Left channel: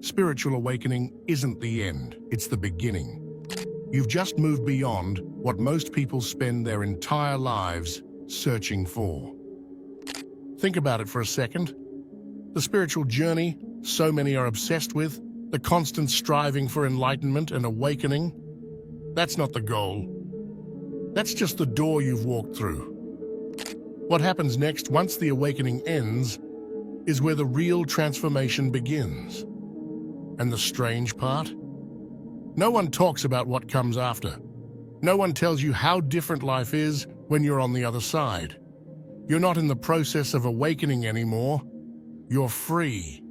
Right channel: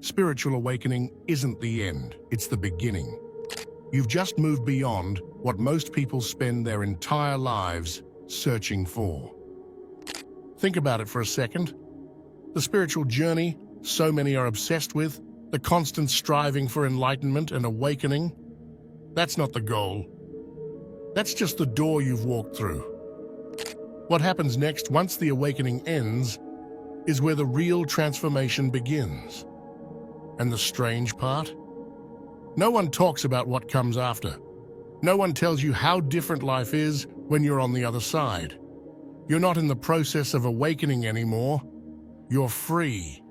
Spiritual awakening isn't the end, it's the beginning. You've just moved beyond what most people spend their entire lives searching for. Think about it for a second. The spiritual journey so many are obsessed with, the constant striving for enlightenment and awakening, that's not the goal. That's just the door you've walked through. What happens next, once the awakening ends, is where the real transformation begins. And the strange part? No one talks about what comes after. No one tells you how different life is when you're on the other side. You're not in the process of awakening anymore. You're free.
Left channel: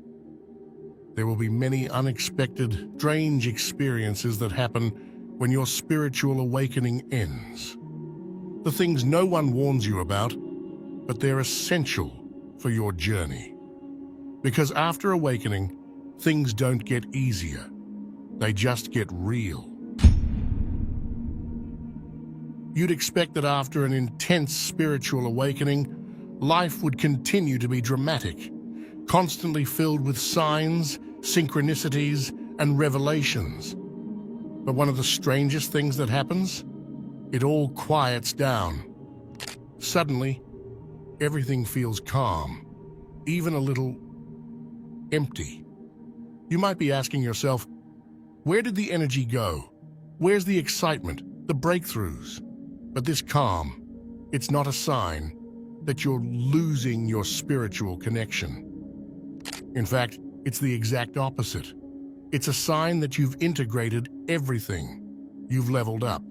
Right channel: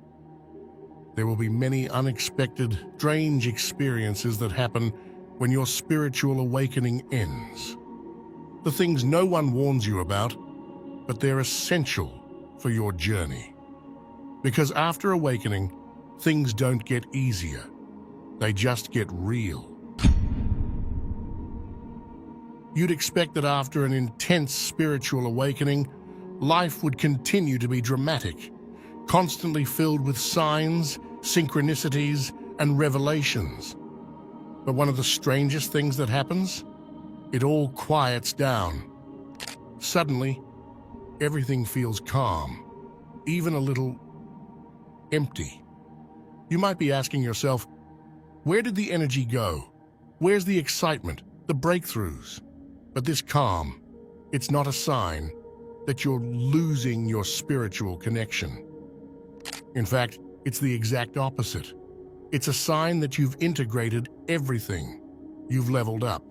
There will be many unexpected, strange experiences that happen when your spiritual awakening ends. The things no one warns you about, but they're essential for your journey. Because after awakening, things don't get easier. They just get real. You'd expect that after an intense spiritual awakening, life would continue to be dramatic, constantly filled with signs, synchronicities, and revelations. But one of the strangest things that happens? It all quiets down. Suddenly, everything feels calm, even a little empty. You might be asking yourself, where did the energy go? Where's the excitement, the breakthroughs? But this calm, it's not a sign that you're losing your spiritual connection. In fact, it's the exact opposite. It's a sign that you've integrated everything. You've leveled up.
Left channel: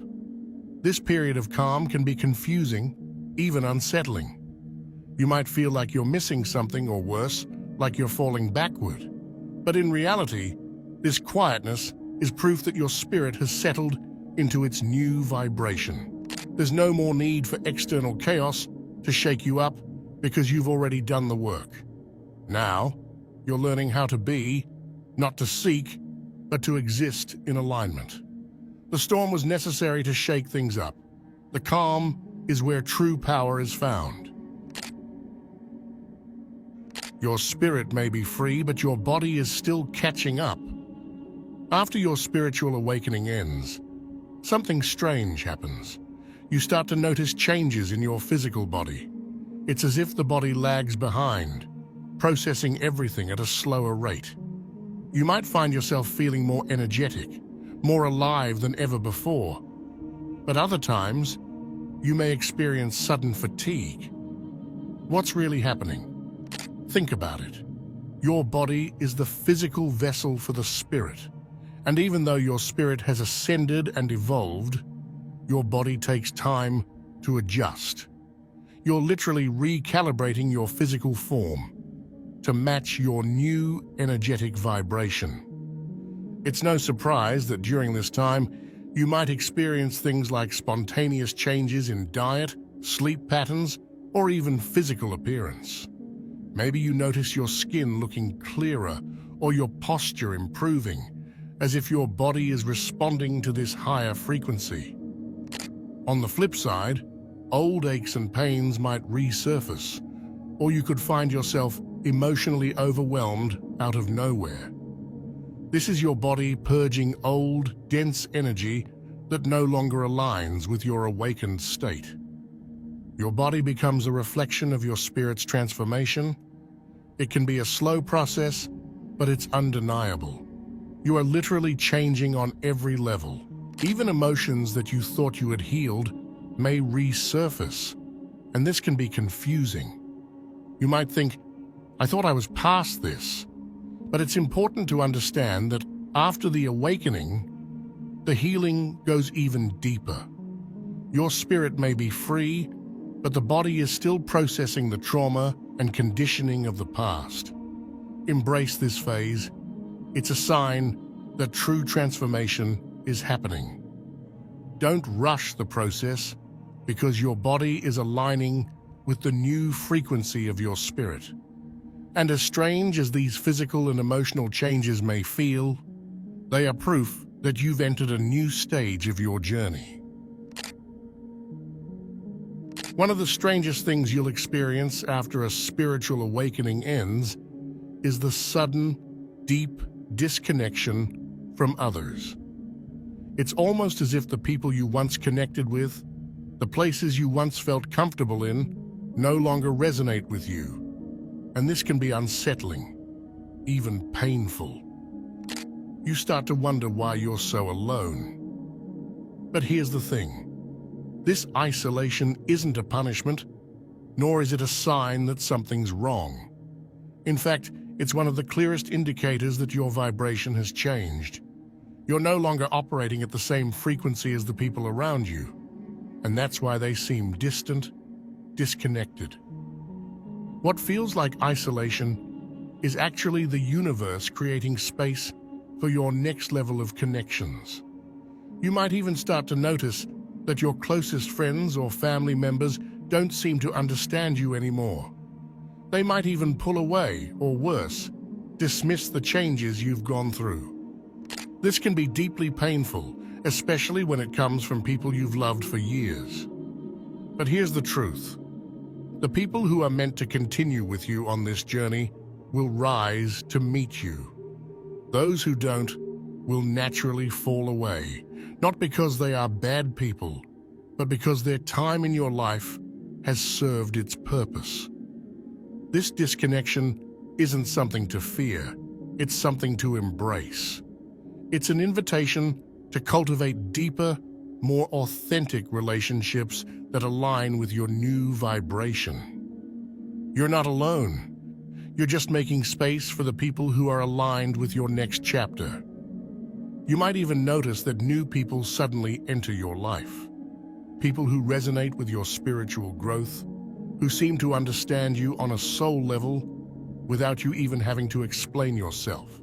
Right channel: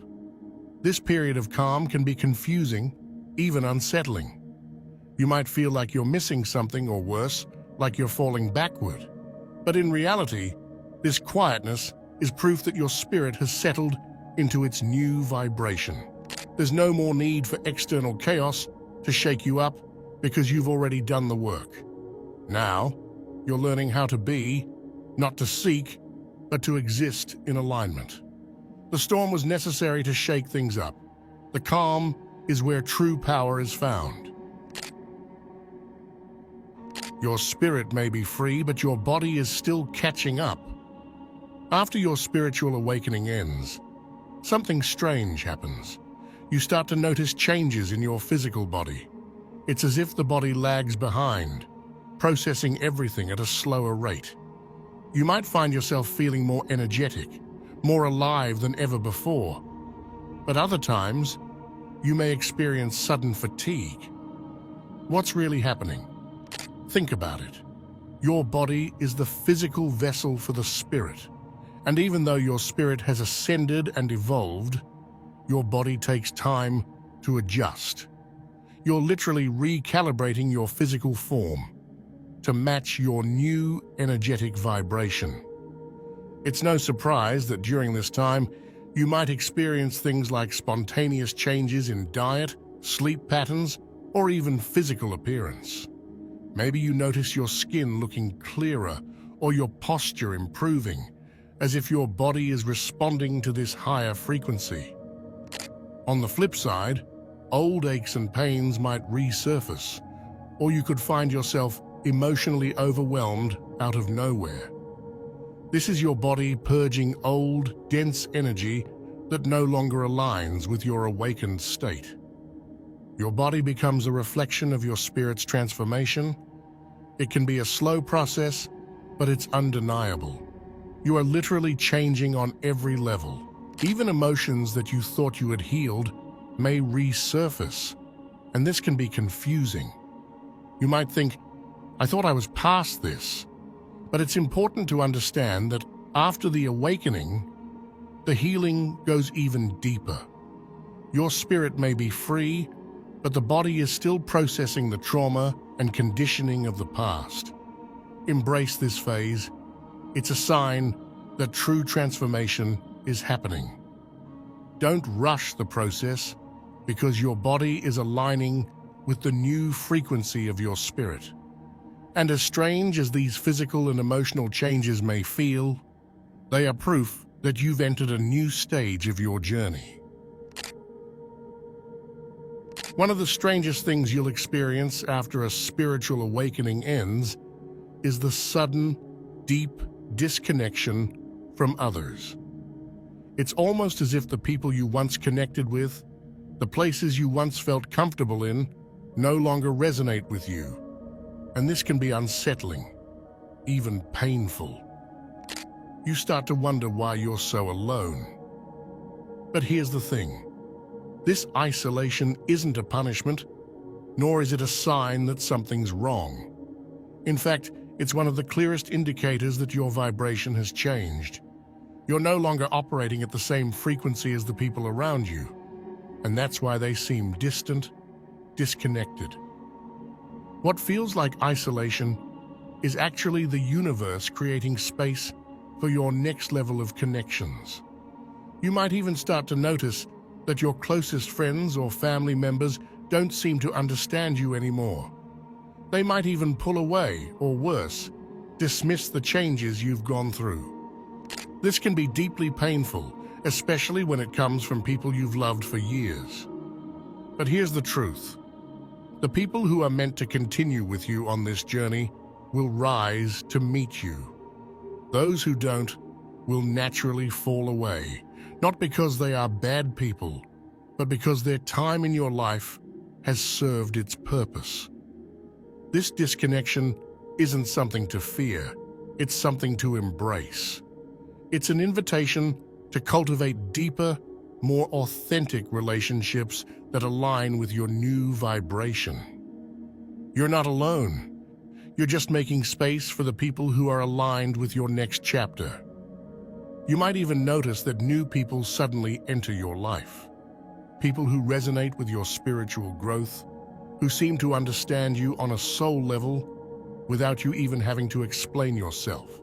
This period of calm can be confusing, even unsettling. You might feel like you're missing something, or worse, like you're falling backward. But in reality, this quietness is proof that your spirit has settled into its new vibration. There's no more need for external chaos to shake you up because you've already done the work. Now, you're learning how to be, not to seek, but to exist in alignment. The storm was necessary to shake things up. The calm is where true power is found. Your spirit may be free, but your body is still catching up. After your spiritual awakening ends, something strange happens. You start to notice changes in your physical body. It's as if the body lags behind, processing everything at a slower rate. You might find yourself feeling more energetic, more alive than ever before. But other times, you may experience sudden fatigue. What's really happening? Think about it. Your body is the physical vessel for the spirit. And even though your spirit has ascended and evolved, your body takes time to adjust. You're literally recalibrating your physical form to match your new energetic vibration. It's no surprise that during this time, you might experience things like spontaneous changes in diet, sleep patterns, or even physical appearance. Maybe you notice your skin looking clearer or your posture improving, as if your body is responding to this higher frequency. On the flip side, old aches and pains might resurface, or you could find yourself emotionally overwhelmed out of nowhere. This is your body purging old, dense energy that no longer aligns with your awakened state. Your body becomes a reflection of your spirit's transformation. It can be a slow process, but it's undeniable. You are literally changing on every level. Even emotions that you thought you had healed may resurface, and this can be confusing. You might think, I thought I was past this. But it's important to understand that after the awakening, the healing goes even deeper. Your spirit may be free, but the body is still processing the trauma and conditioning of the past. Embrace this phase. It's a sign that true transformation is happening. Don't rush the process, because your body is aligning with the new frequency of your spirit. And as strange as these physical and emotional changes may feel, they are proof that you've entered a new stage of your journey. One of the strangest things you'll experience after a spiritual awakening ends is the sudden, deep disconnection from others. It's almost as if the people you once connected with, the places you once felt comfortable in, no longer resonate with you. And this can be unsettling, even painful. You start to wonder why you're so alone. But here's the thing. This isolation isn't a punishment, nor is it a sign that something's wrong. In fact, it's one of the clearest indicators that your vibration has changed. You're no longer operating at the same frequency as the people around you, and that's why they seem distant, disconnected. What feels like isolation is actually the universe creating space for your next level of connections. You might even start to notice that your closest friends or family members don't seem to understand you anymore. They might even pull away, or worse, dismiss the changes you've gone through. This can be deeply painful, especially when it comes from people you've loved for years. But here's the truth. The people who are meant to continue with you on this journey will rise to meet you. Those who don't will naturally fall away, not because they are bad people, but because their time in your life has served its purpose. This disconnection isn't something to fear, it's something to embrace. It's an invitation to cultivate deeper, more authentic relationships that align with your new vibration. You're not alone. You're just making space for the people who are aligned with your next chapter. You might even notice that new people suddenly enter your life. People who resonate with your spiritual growth, who seem to understand you on a soul level without you even having to explain yourself.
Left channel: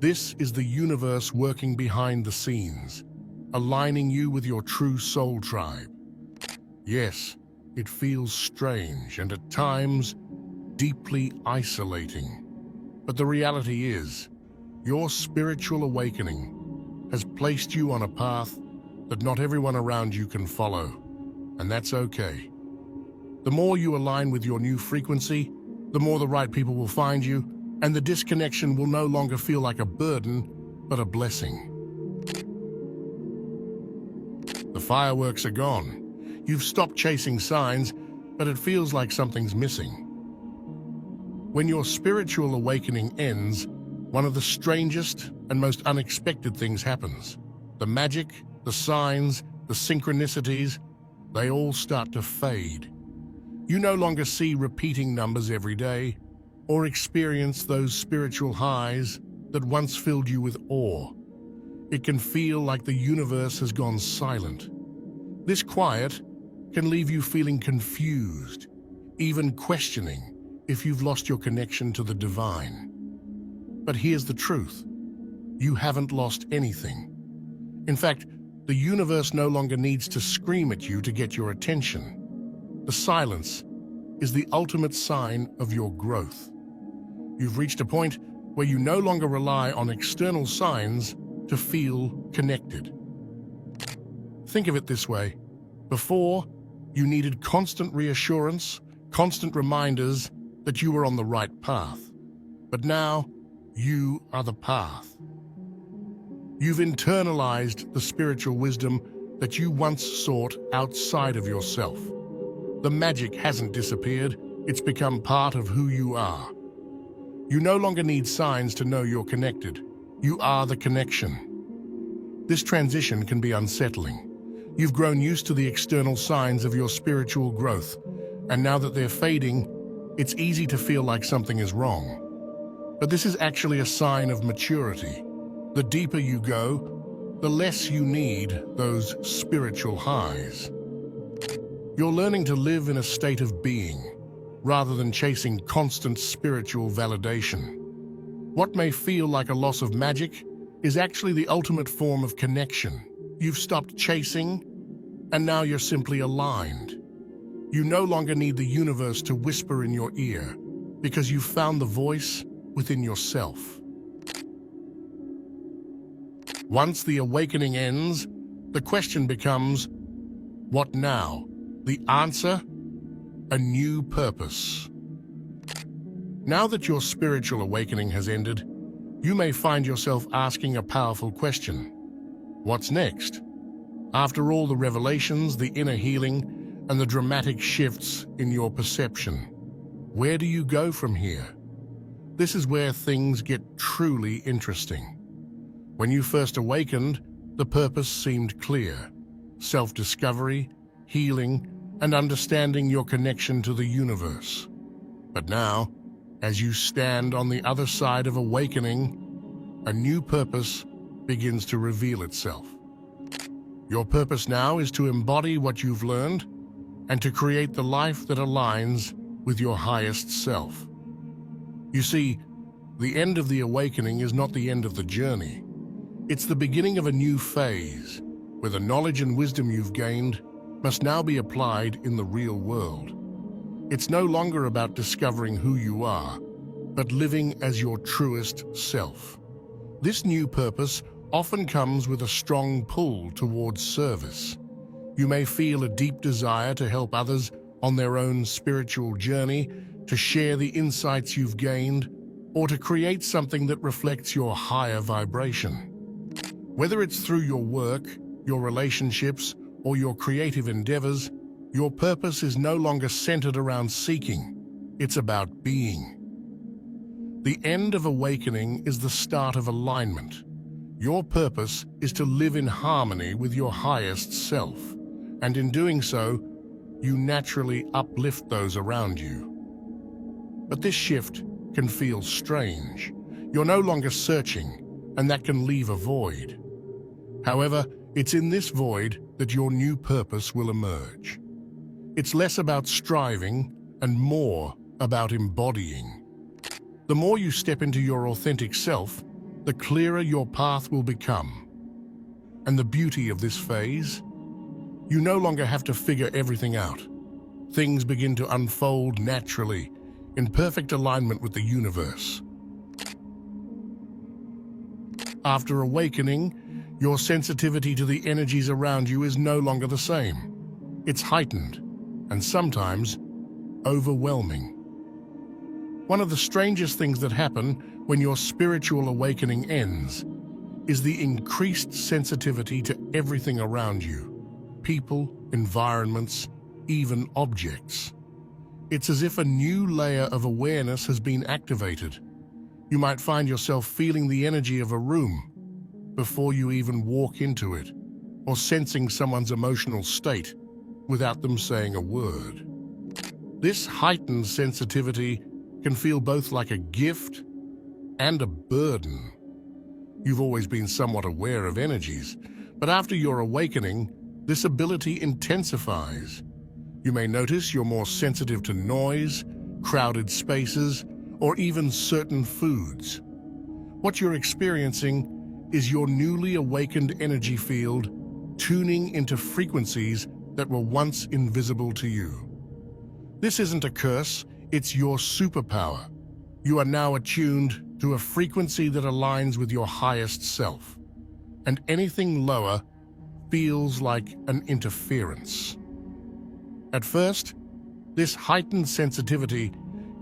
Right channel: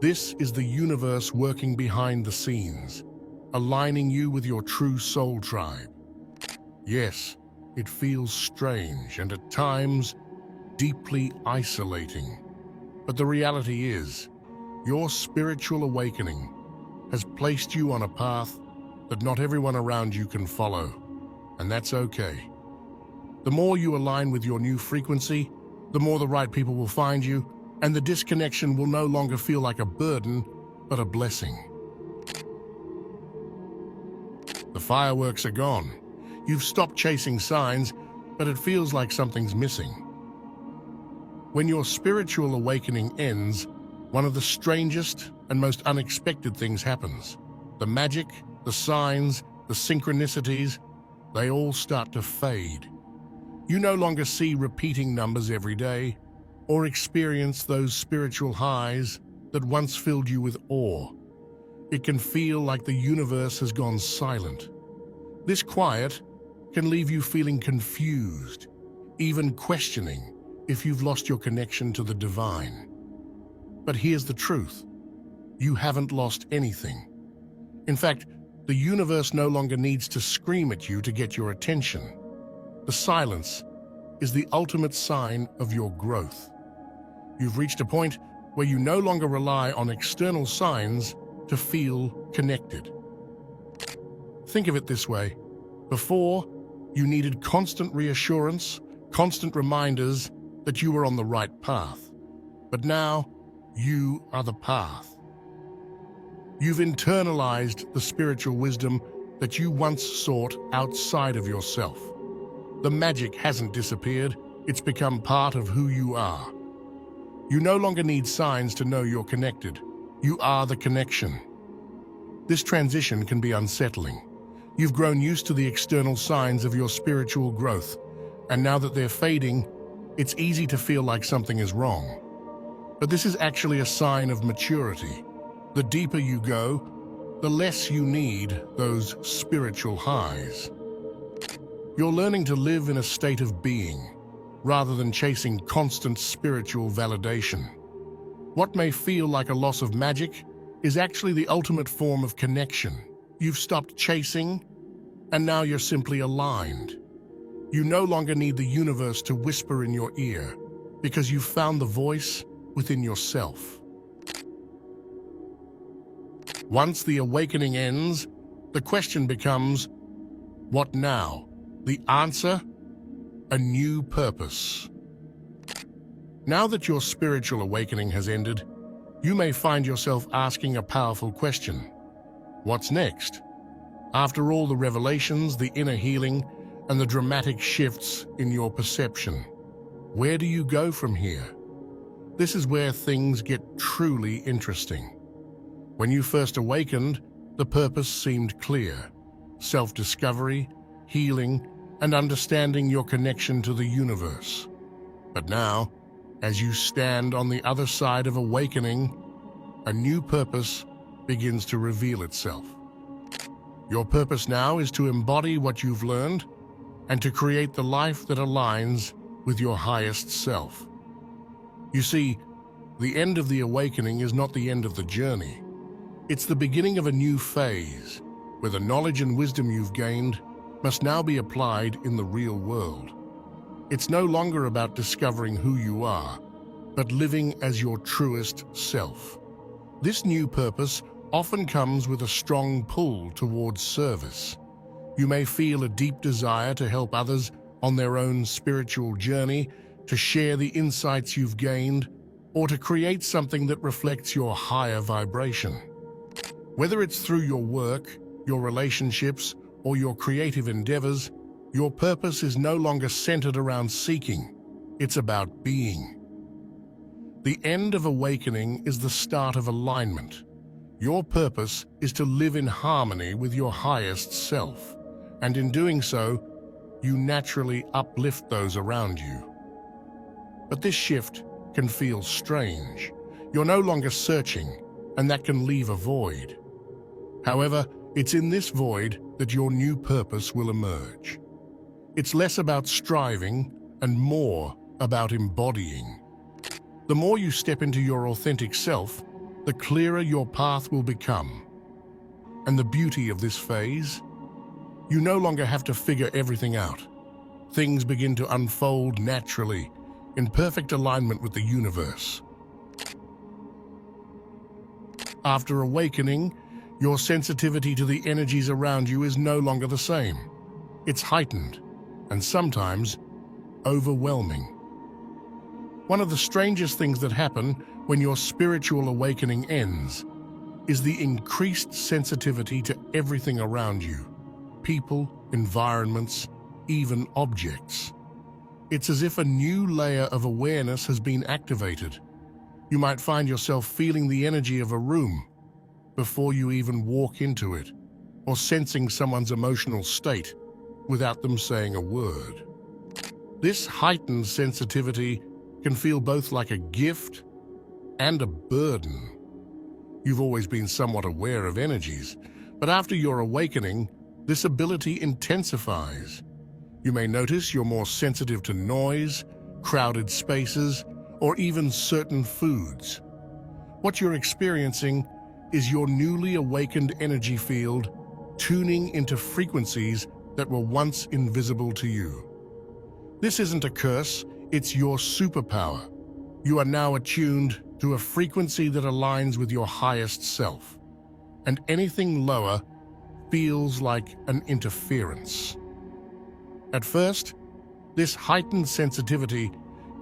This is the universe working behind the scenes, aligning you with your true soul tribe. Yes, it feels strange and at times deeply isolating. But the reality is, your spiritual awakening has placed you on a path that not everyone around you can follow, and that's okay. The more you align with your new frequency, the more the right people will find you, and the disconnection will no longer feel like a burden, but a blessing. The fireworks are gone. You've stopped chasing signs, but it feels like something's missing. When your spiritual awakening ends, one of the strangest and most unexpected things happens. The magic, the signs, the synchronicities, they all start to fade. You no longer see repeating numbers every day, or experience those spiritual highs that once filled you with awe. It can feel like the universe has gone silent. This quiet can leave you feeling confused, even questioning if you've lost your connection to the divine. But here's the truth. You haven't lost anything. In fact, the universe no longer needs to scream at you to get your attention. The silence is the ultimate sign of your growth. You've reached a point where you no longer rely on external signs to feel connected. Think of it this way. Before, you needed constant reassurance, constant reminders that you were on the right path. But now, you are the path. You've internalized the spiritual wisdom that you once sought outside of yourself. The magic hasn't disappeared, it's become part of who you are. You no longer need signs to know you're connected. You are the connection. This transition can be unsettling. You've grown used to the external signs of your spiritual growth, and now that they're fading, it's easy to feel like something is wrong. But this is actually a sign of maturity. The deeper you go, the less you need those spiritual highs. You're learning to live in a state of being, rather than chasing constant spiritual validation. What may feel like a loss of magic is actually the ultimate form of connection. You've stopped chasing, and now you're simply aligned. You no longer need the universe to whisper in your ear, because you've found the voice within yourself. Once the awakening ends, the question becomes, what now? The answer? A new purpose. Now that your spiritual awakening has ended, You may find yourself asking a powerful question. What's next? After all the revelations, the inner healing, and the dramatic shifts in your perception, where do you go from here? This is where things get truly interesting. When you first awakened, the purpose seemed clear: self-discovery, healing, and understanding your connection to the universe. But now, as you stand on the other side of awakening, a new purpose begins to reveal itself. Your purpose now is to embody what you've learned and to create the life that aligns with your highest self. You see, the end of the awakening is not the end of the journey. It's the beginning of a new phase, where the knowledge and wisdom you've gained must now be applied in the real world. It's no longer about discovering who you are, but living as your truest self. This new purpose often comes with a strong pull towards service. You may feel a deep desire to help others on their own spiritual journey, to share the insights you've gained, or to create something that reflects your higher vibration. Whether it's through your work, your relationships, or your creative endeavors, your purpose is no longer centered around seeking. It's about being. The end of awakening is the start of alignment. Your purpose is to live in harmony with your highest self, and in doing so, you naturally uplift those around you. But this shift can feel strange. You're no longer searching, and that can leave a void. However, it's in this void that your new purpose will emerge. It's less about striving and more about embodying. The more you step into your authentic self, the clearer your path will become. And the beauty of this phase? You no longer have to figure everything out. Things begin to unfold naturally, in perfect alignment with the universe. After awakening, your sensitivity to the energies around you is no longer the same. It's heightened, and sometimes overwhelming. One of the strangest things that happen when your spiritual awakening ends is the increased sensitivity to everything around you. People, environments, even objects. It's as if a new layer of awareness has been activated. You might find yourself feeling the energy of a room before you even walk into it, or sensing someone's emotional state without them saying a word. This heightened sensitivity can feel both like a gift and a burden. You've always been somewhat aware of energies, but after your awakening, this ability intensifies. You may notice you're more sensitive to noise, crowded spaces, or even certain foods. What you're experiencing is your newly awakened energy field tuning into frequencies that were once invisible to you. This isn't a curse, it's your superpower. You are now attuned to a frequency that aligns with your highest self, and anything lower feels like an interference. At first, this heightened sensitivity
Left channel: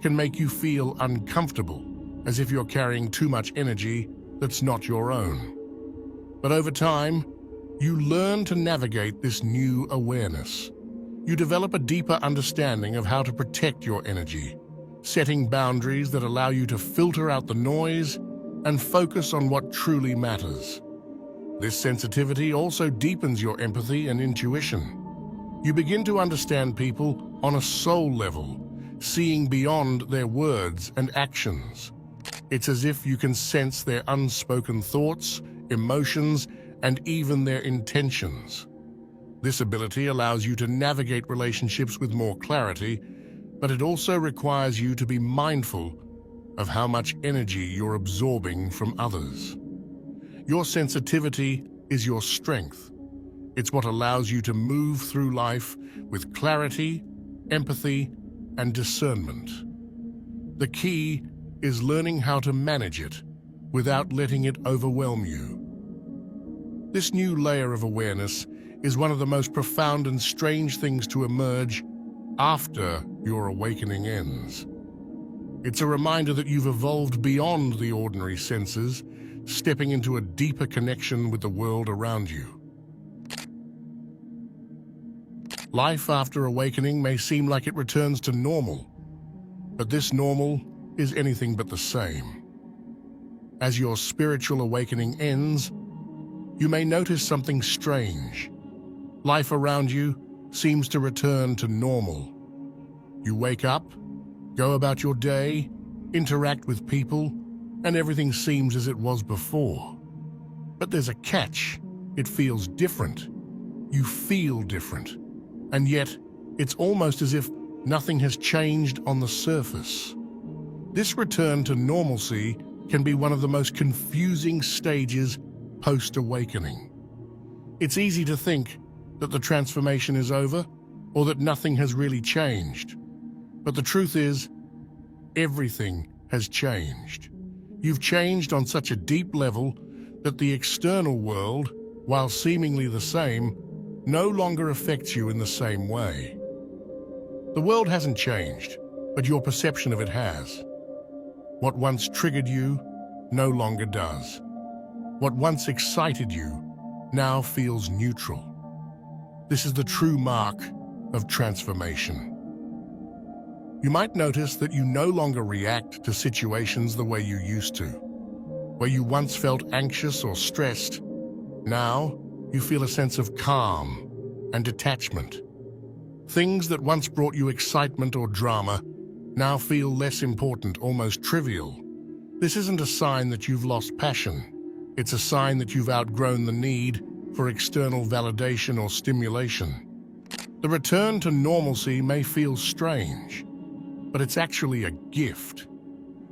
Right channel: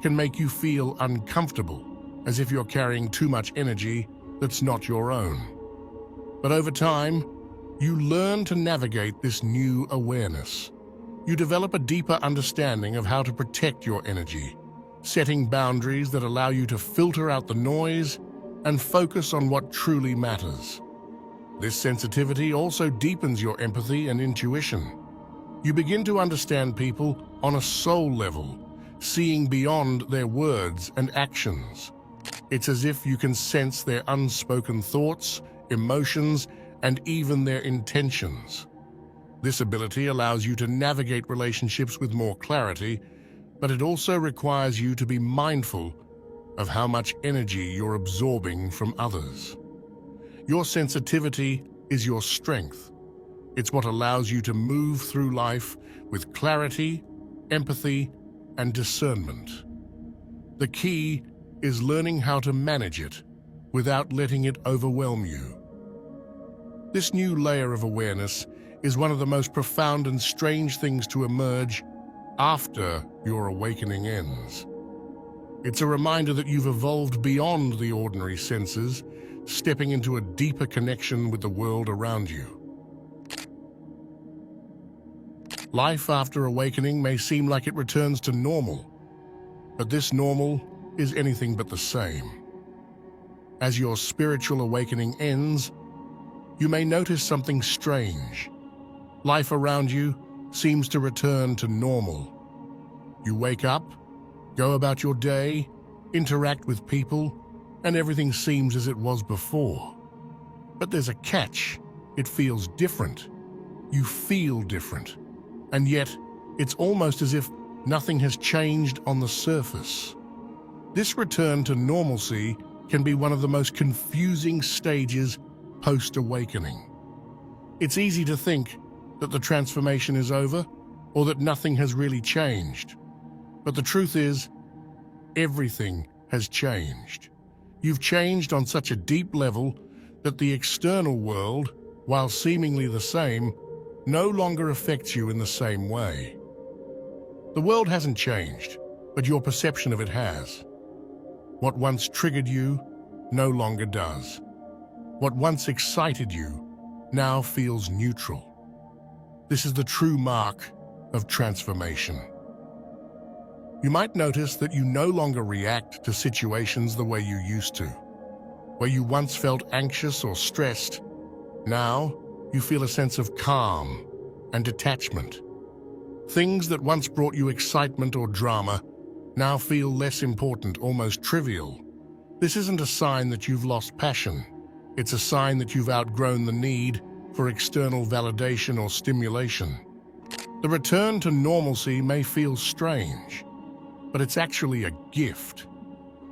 can make you feel uncomfortable, as if you're carrying too much energy that's not your own. But over time, you learn to navigate this new awareness. You develop a deeper understanding of how to protect your energy, setting boundaries that allow you to filter out the noise and focus on what truly matters. This sensitivity also deepens your empathy and intuition. You begin to understand people on a soul level, seeing beyond their words and actions. It's as if you can sense their unspoken thoughts, emotions, and even their intentions. This ability allows you to navigate relationships with more clarity, but it also requires you to be mindful of how much energy you're absorbing from others. Your sensitivity is your strength. It's what allows you to move through life with clarity, empathy, and discernment. The key is learning how to manage it without letting it overwhelm you. This new layer of awareness is one of the most profound and strange things to emerge after your awakening ends. It's a reminder that you've evolved beyond the ordinary senses, stepping into a deeper connection with the world around you. Life after awakening may seem like it returns to normal, but this normal is anything but the same. As your spiritual awakening ends, you may notice something strange. Life around you seems to return to normal. You wake up, go about your day, interact with people, and everything seems as it was before. But there's a catch. It feels different. You feel different. And yet, it's almost as if nothing has changed on the surface. This return to normalcy can be one of the most confusing stages post-awakening. It's easy to think that the transformation is over or that nothing has really changed. But the truth is, everything has changed. You've changed on such a deep level that the external world, while seemingly the same, no longer affects you in the same way. The world hasn't changed, but your perception of it has. What once triggered you no longer does. What once excited you now feels neutral. This is the true mark of transformation. You might notice that you no longer react to situations the way you used to. Where you once felt anxious or stressed, now you feel a sense of calm and detachment. Things that once brought you excitement or drama now feel less important, almost trivial. This isn't a sign that you've lost passion. It's a sign that you've outgrown the need for external validation or stimulation. The return to normalcy may feel strange, but it's actually a gift.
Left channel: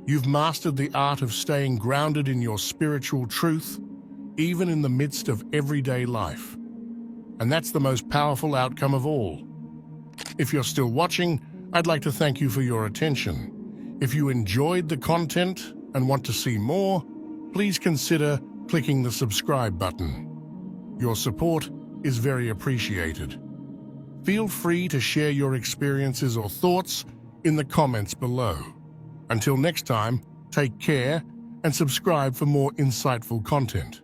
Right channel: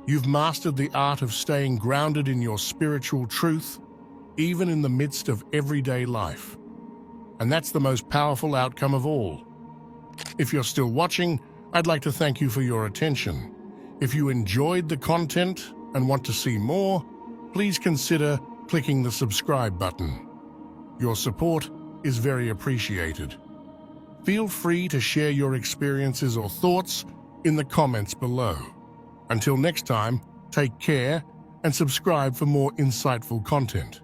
You've mastered the art of staying grounded in your spiritual truth, even in the midst of everyday life. And that's the most powerful outcome of all. If you're still watching, I'd like to thank you for your attention. If you enjoyed the content and want to see more, please consider clicking the subscribe button. Your support is very appreciated. Feel free to share your experiences or thoughts in the comments below. Until next time, take care and subscribe for more insightful content.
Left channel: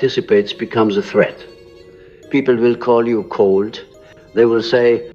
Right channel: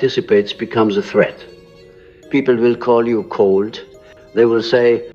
anticipates becomes a threat. People will call you cold. They will say,